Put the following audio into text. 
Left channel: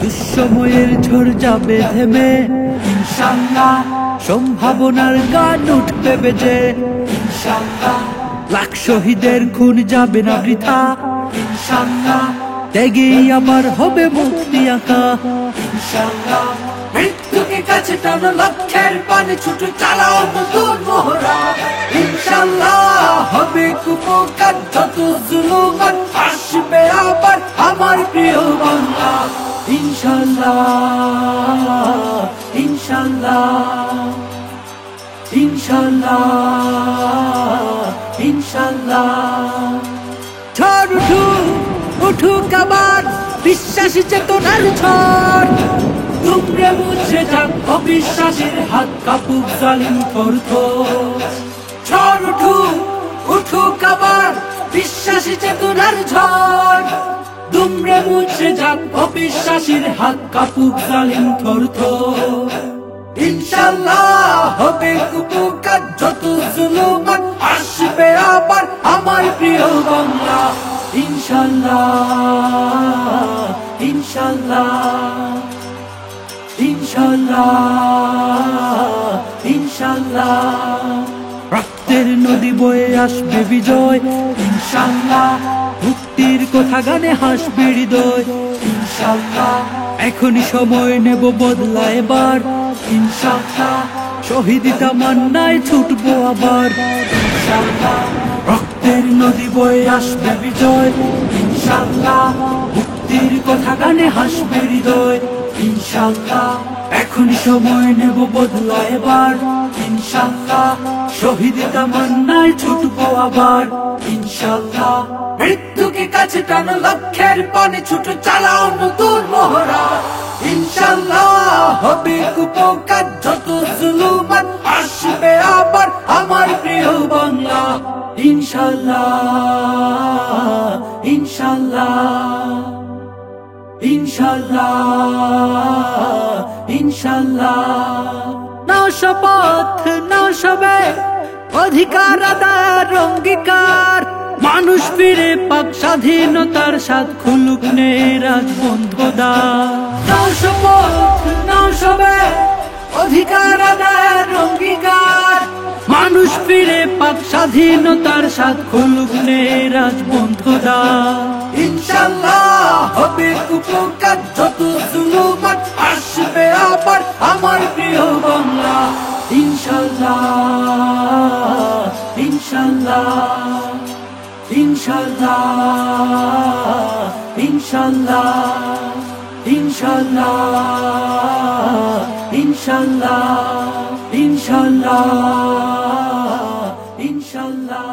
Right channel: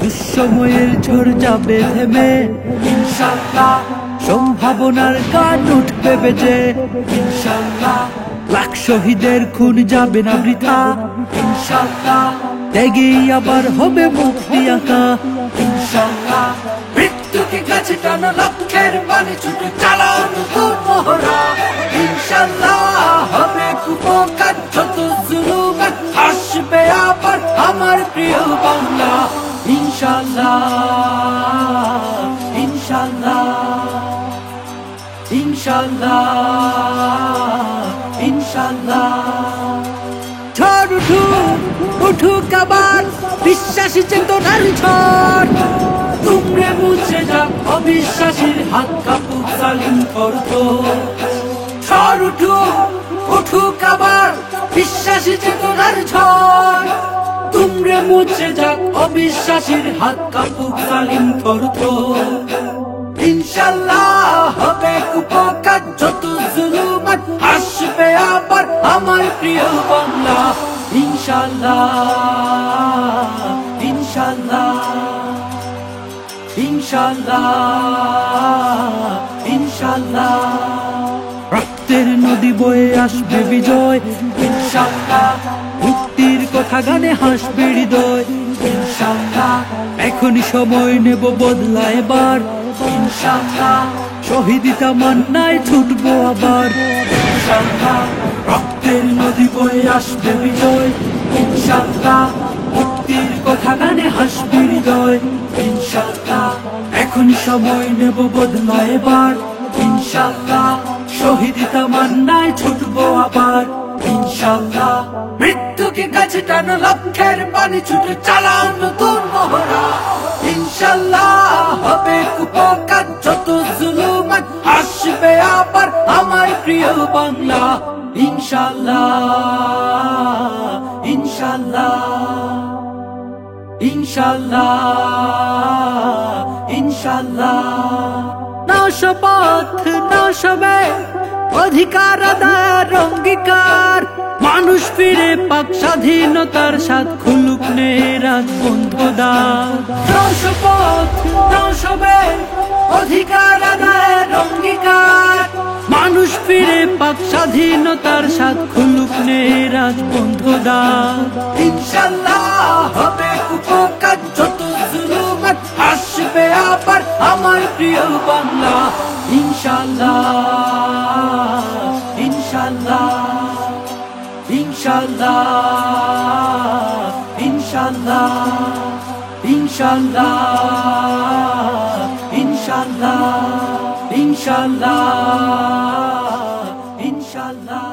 দুঃসময়ের ঝড় যাবে থেমে, ইনশাআল্লাহ সম্ভাবনার গান উঠবে বেজে, ইনশাআল্লাহ লাখ শহীদের খুন যাবে না বৃথা, ইনশাআল্লাহ ত্যাগেই আবার হবে মুক্তি আঁকা, ইনশাআল্লাহ মৃত্যুকে কাছে টানো লক্ষ্যের পানে ছুটে চালাও নতুন মহড়া, ইনশাআল্লাহ হবে কুপকার যত জুলুমাত আসবে আবার আমার প্রিয় বাংলা, ইনশাআল্লাহ ইনশাআল্লাহ ইনশাআল্লাহ ইনশাআল্লাহ। ঝড় উঠুক উঠুক আবার বিশ্বাসী চেতনার ঝড়, দুমড়ে মুছে যাক অবিশ্বাসীর হাত কাঁপুক জালিম থরথর। ঝড় উঠুক উঠুক আবার বিশ্বাসী চেতনার ঝড়, দুমড়ে মুছে যাক অবিশ্বাসীর হাত কাঁপুক জালিম থরথর। ইনশাআল্লাহ হবে কুপকার যত জুলুমাত আসবে আবার আমার প্রিয় বাংলা, ইনশাআল্লাহ ইনশাআল্লাহ ইনশাআল্লাহ ইনশাআল্লাহ। রক্তের নদী বয়ে আসবে বিজয়, ইনশাআল্লাহ মুক্তির কথা গানে হাসবে হৃদয়, ইনশাআল্লাহ এখনই সময় নেব বদলা এবার, ইনশাআল্লাহ শহীদ তামান্নায় ছুটবো আবার, ইনশাআল্লাহ রক্তের নদী বয়ে আসবে বিজয়, ইনশাআল্লাহ মুক্তির কথা গানে হাসবে হৃদয়, ইনশাআল্লাহ এখনই সময় নেব বদলা এবার, ইনশাআল্লাহ শহীদ তামান্নায় ছুটবো আবার, ইনশাআল্লাহ মৃত্যুকে কাছে টানো লক্ষ্যের পানে ছুটে চালাও নতুন মহড়া, ইনশাআল্লাহ হবে কুপকার যত জুলুমাত আসবে আবার আমার প্রিয় বাংলা, ইনশাআল্লাহ ইনশাআল্লাহ ইনশাআল্লাহ ইনশাআল্লাহ। নাও শপথ নাও সবে অধিকার আদায়ের অঙ্গীকার, মানুষ ফিরে পাক স্বাধীনতার স্বাদ খুলুক নে রাজবন্ধুদার। নাও শপথ নাও সবে অধিকার আদায়ের অঙ্গীকার, মানুষ ফিরে পাক স্বাধীনতার স্বাদ খুলুক নে রাজবন্ধুদার। ইনশাআল্লাহ হবে কুপকার যত জুলুমাত আসবে আবার আমার প্রিয় বাংলা, ইনশাআল্লাহ ইনশাআল্লাহ ইনশাআল্লাহ ইনশাআল্লাহ ইনশাআল্লাহ ইনশাআল্লাহ ইনশাআল্লাহ ইনশাআল্লাহ।